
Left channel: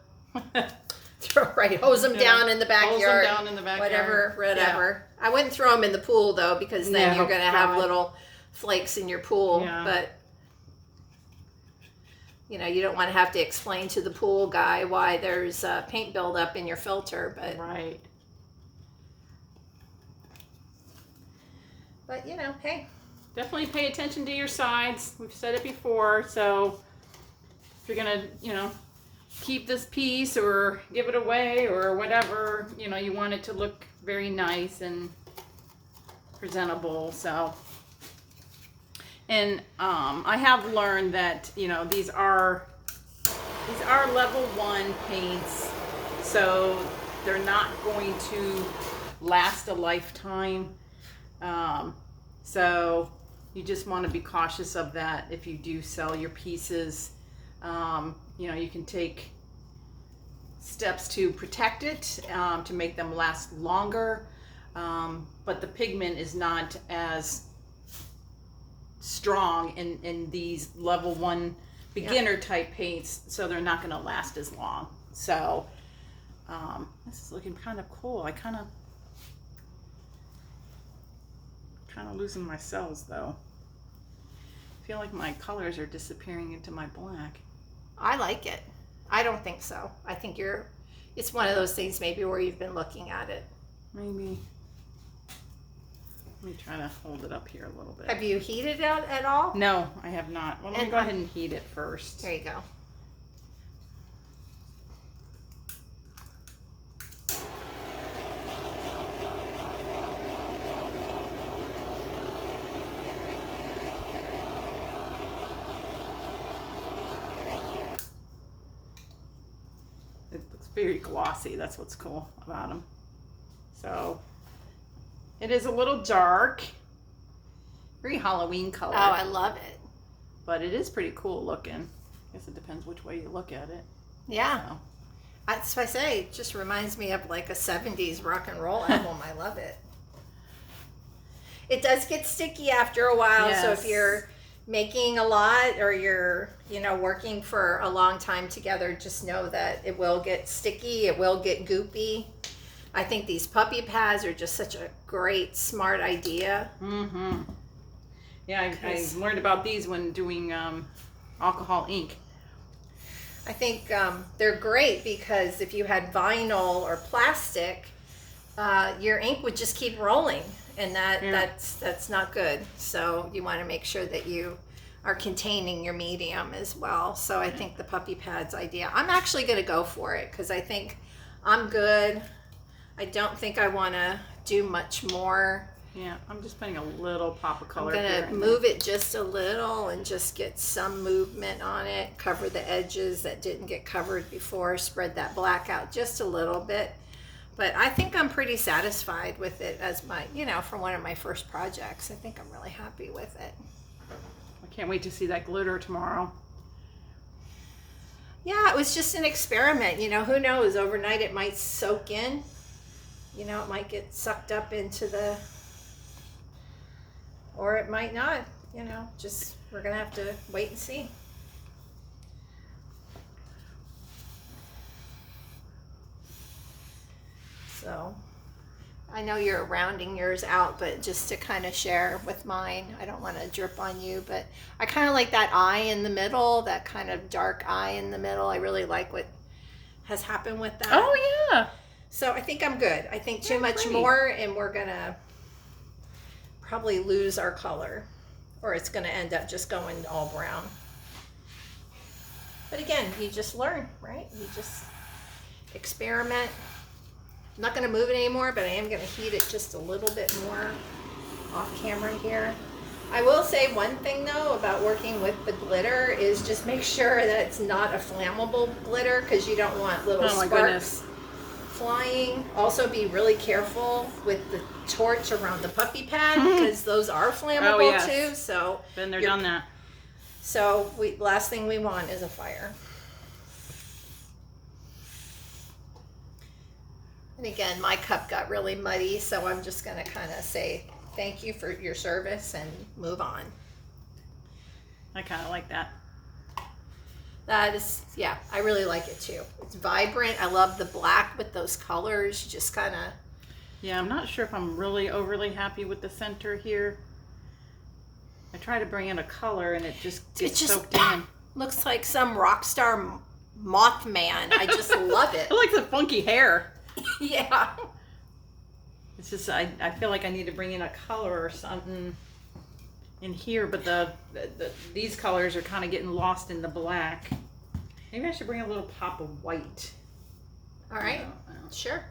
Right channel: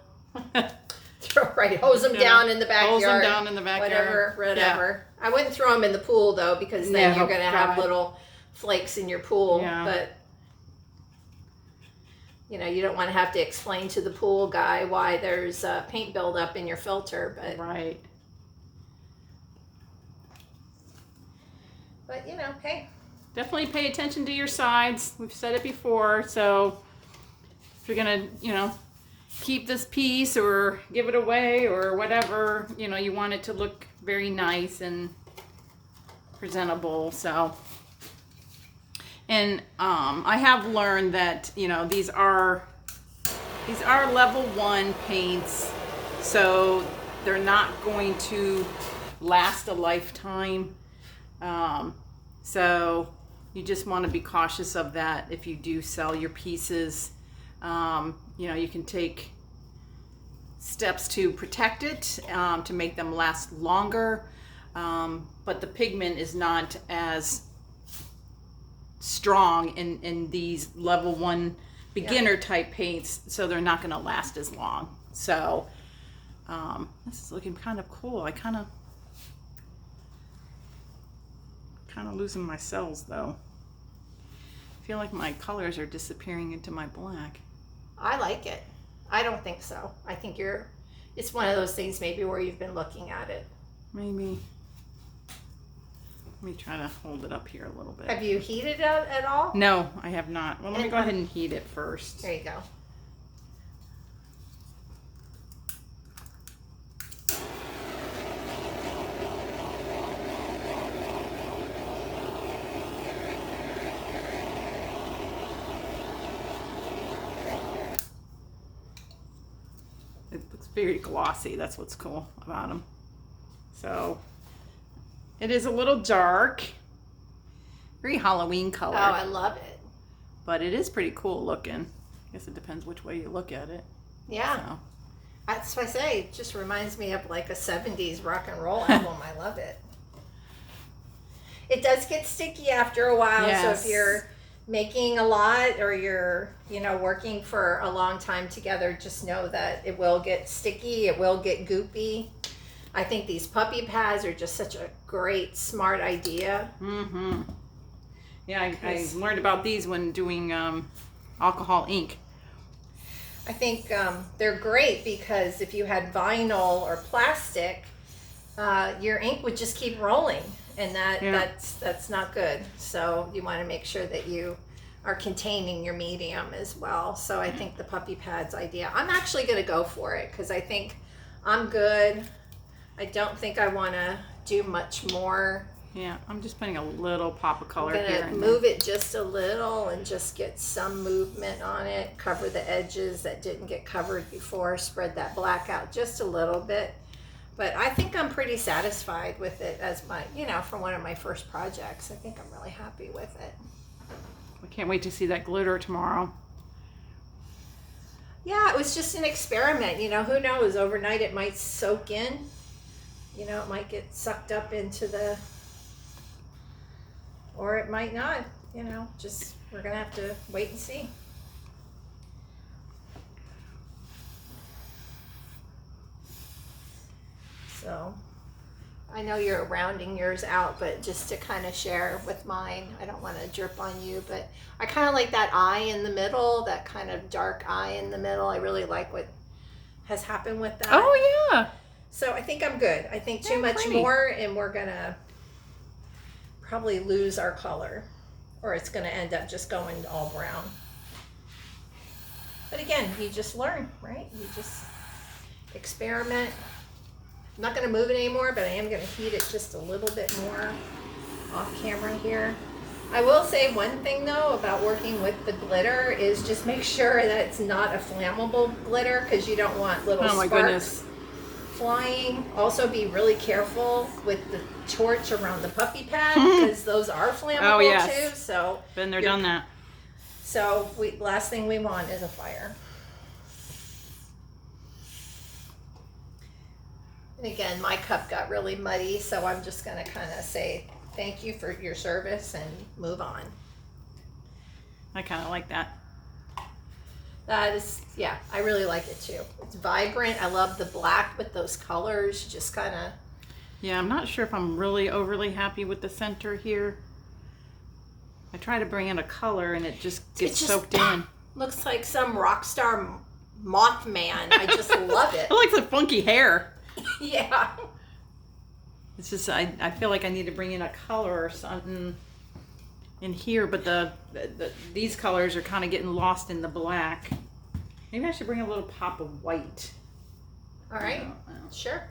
Hose them down in the backyard. Hose them down in the backyard. Whatever. Yeah. I wouldn't throw them in the pool though, because then you're going to have little flakes in your pool. Yeah. But you don't want to have to explain to the pool guy why there's paint buildup in your filter. But right. But hey. Definitely pay attention to your sides. We've said it before. So if you're gonna, keep this piece or give it away or whatever, you want it to look very nice and presentable. So, and I have learned that these are level 1 paints, so they're not going to last a lifetime. So you just want to be cautious of that if you do sell your pieces. You can take steps to protect it, to make them last longer, but the pigment is not as strong in these level 1 beginner type paints, so they're not going to last as long. So this is looking kind of cool. I kind of losing my cells though. I feel like my colors are disappearing into my black. I like it. I don't think so. I think it's one of those things maybe where you've been looking at it. Maybe. Let me try to hold it up here a little bit. Have you heated it at all? No, I have not. Well, let me go ahead and heat it first. There you go. Very glossy. That's what's cool about them. So it is a little dark, very Halloween color. Oh, I love it. But it is pretty cool looking. I guess it depends which way you look at it. Yeah. So. That's what I say. It just reminds me of like a 70s rock and roll album. I love it. It does get sticky after a while. Yes. So if you're making a lot or you're working for a long time together, just know that it will get sticky, it will get goopy. I think these puppy pads are just such a great smart idea. Yeah, I learned about these when doing alcohol ink. I think they're great because if you had vinyl or plastic, your ink would just keep rolling, and that's not good. So you want to make sure that you are containing your medium as well. So I think the puppy pads idea, I'm actually going to go for it because I think I'm good. I don't think I want to do much more Yeah, I'm just putting a little pop of color I'm here. gonna move it just a little and just get some movement on it. Cover the edges that didn't get covered before. Spread that black out just a little bit. But I think I'm pretty satisfied with it as my, for one of my first projects. I think I'm really happy with it. I can't wait to see that glitter tomorrow. Yeah, it was just an experiment. Who knows? Overnight it might soak in. It might get sucked up into or it might not. Just we're going to have to wait and see. So I know you're rounding yours out, but just to kind of share with mine, I don't want to drip on you, but I kind of like that eye in the middle, that kind of dark eye in the middle. I really like what has happened with that. Oh, yeah. So I think I'm good. I think too much pretty. more and we're going to probably lose our color, or it's going to end up just going all brown. But again, you just learn, right? You just experiment. I'm not going to move it anymore, but I am going to heat it just a little bit more off camera here. I will say one thing though about working with the glitter is just make sure that it's not a flammable glitter, because you don't want little sparks flying. Also be really careful with the torch around the puppy pad, because those are flammable too. So been there, done that. So last thing we want is a fire. And again, my cup got really muddy, so I'm just going to kind of say thank you for your service and move on. I kind of like that. That is, yeah, I really like it too. It's vibrant. I love the black with those colors. Just kind of. Yeah, I'm not sure if I'm really overly happy with the center here. I try to bring in a color and it just gets soaked in. Looks like some rock star Mothman. I just love it. I like the funky hair. Yeah. It's just, I feel like I need to bring in a color or something in here, but these colors are kind of getting lost in the black. Maybe I should bring a little pop of white. All right. I don't know. Sure.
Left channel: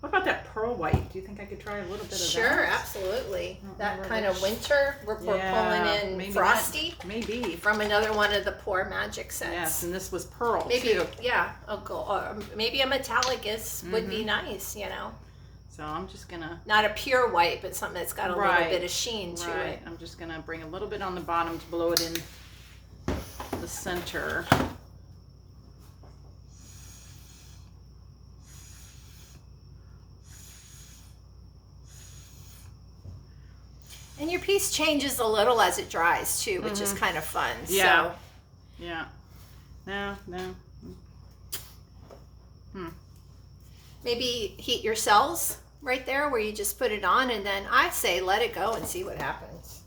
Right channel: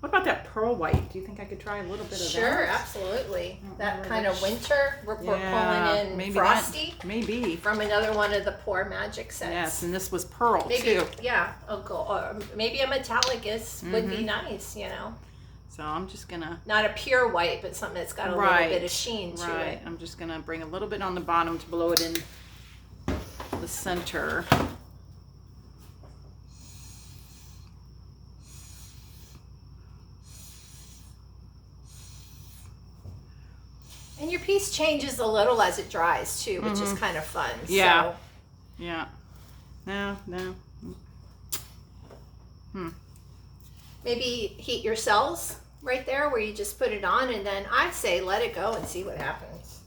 What about that pearl white? Do you think I could try a little bit of that? Sure, absolutely. That kind of winter, we're pulling in maybe Frosty. Maybe. From another one of the Pour Magic sets. Yes, and this was pearl maybe, too. Yeah, maybe a metallic would be nice, So I'm just gonna. Not a pure white, but something that's got a little bit of sheen to it. I'm just gonna bring a little bit on the bottom to blow it in the center. And your piece changes a little as it dries too, which is kind of fun. Yeah. So. Yeah. No. Maybe heat your cells right there where you just put it on, and then I say let it go and see what happens.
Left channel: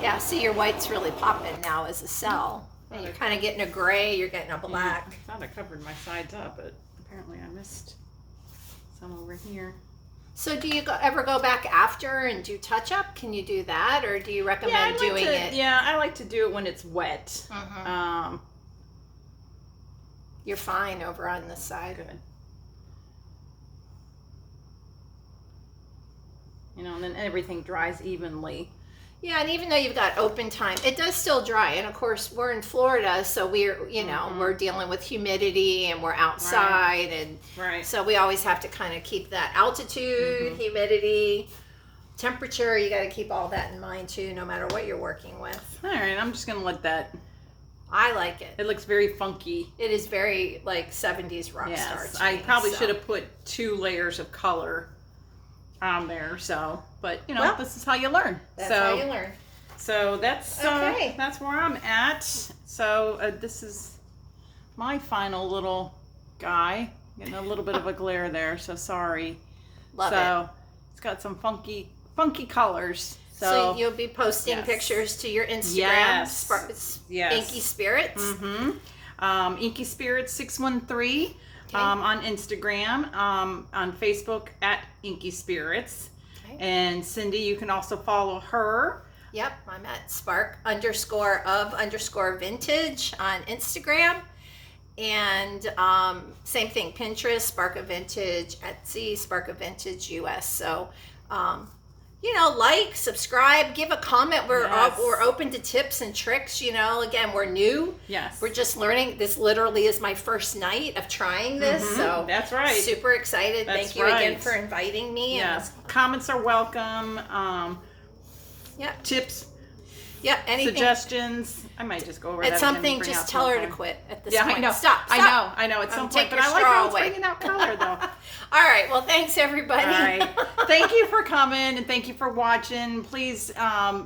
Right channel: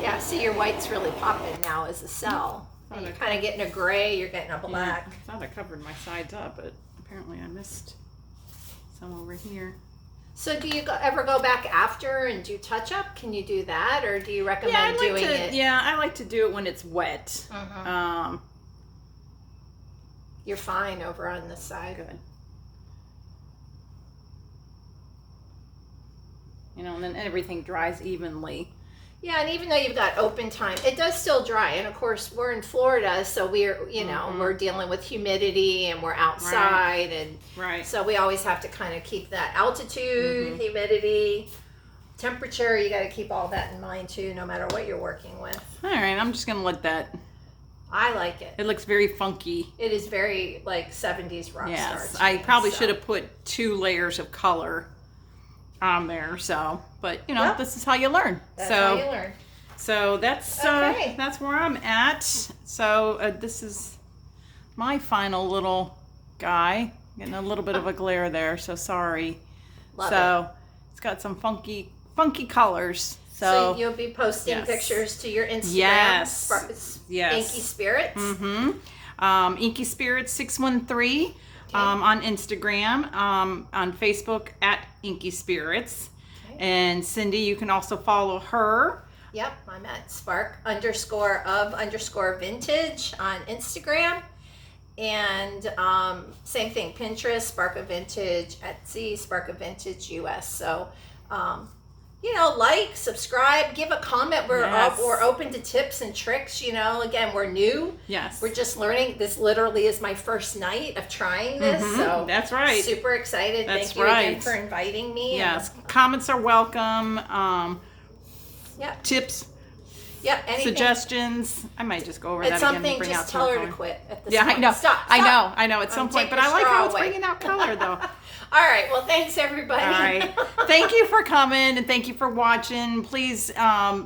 Yeah, see your white's really popping now as a cell. And you're kind of getting a gray, you're getting a black. Yeah, I thought I covered my sides up, but apparently I missed some over here. So do you ever go back after and do touch-up? Can you do that, or do you recommend doing it? Yeah, I like to do it when it's wet. You're fine over on this side. Good. And then everything dries evenly. Yeah, and even though you've got open time, it does still dry. And of course, we're in Florida, so we're we're dealing with humidity and we're outside, and so we always have to kind of keep that altitude, humidity, temperature. You got to keep all that in mind too, no matter what you're working with. All right, I'm just gonna let that. I like it. It looks very funky. It is very like 70s rock star. Yes, I probably should have put 2 layers of color on there, so but this is how you learn. That's how you learn. So that's okay. That's where I'm at. So this is my final little guy. Getting a little bit of a glare there, so sorry. Love it. It's got some funky colors. So you'll be posting pictures to your Instagram. Yes. Inky Spirits. Inky Spirits 613. On Instagram, on Facebook at Inky Spirits. Okay. And Cindy, you can also follow her Yep, I'm at spark_of_vintage on Instagram. And same thing, Pinterest, Spark of Vintage, Etsy, Spark of Vintage US. So, you know, like, subscribe, give a comment. We're open to tips and tricks. You know, again, we're new. Yes. We're just learning. This literally is my first night of trying this. So that's right. Super excited. That's Thank you again for inviting me. Yes. Comments are welcome. Yeah. Tips. Yep. Anything. Suggestions. I might just go over At that something, again. just tell her to quit at this point. I know. Stop. I know. At some point, Take but your I like straw how it's away. bringing out color, though. All right. Well, thanks everybody. All right. Thank you for coming and thank you for watching. Please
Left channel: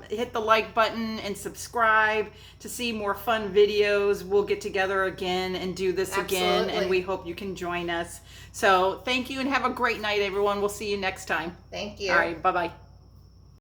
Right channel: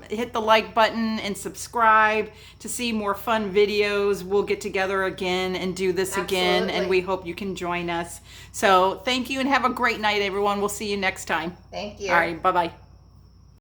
hit the like button and subscribe to see more fun videos. We'll get together again and do this again, and we hope you can join us. So thank you and have a great night, everyone. We'll see you next time. Thank you. All right. Bye-bye.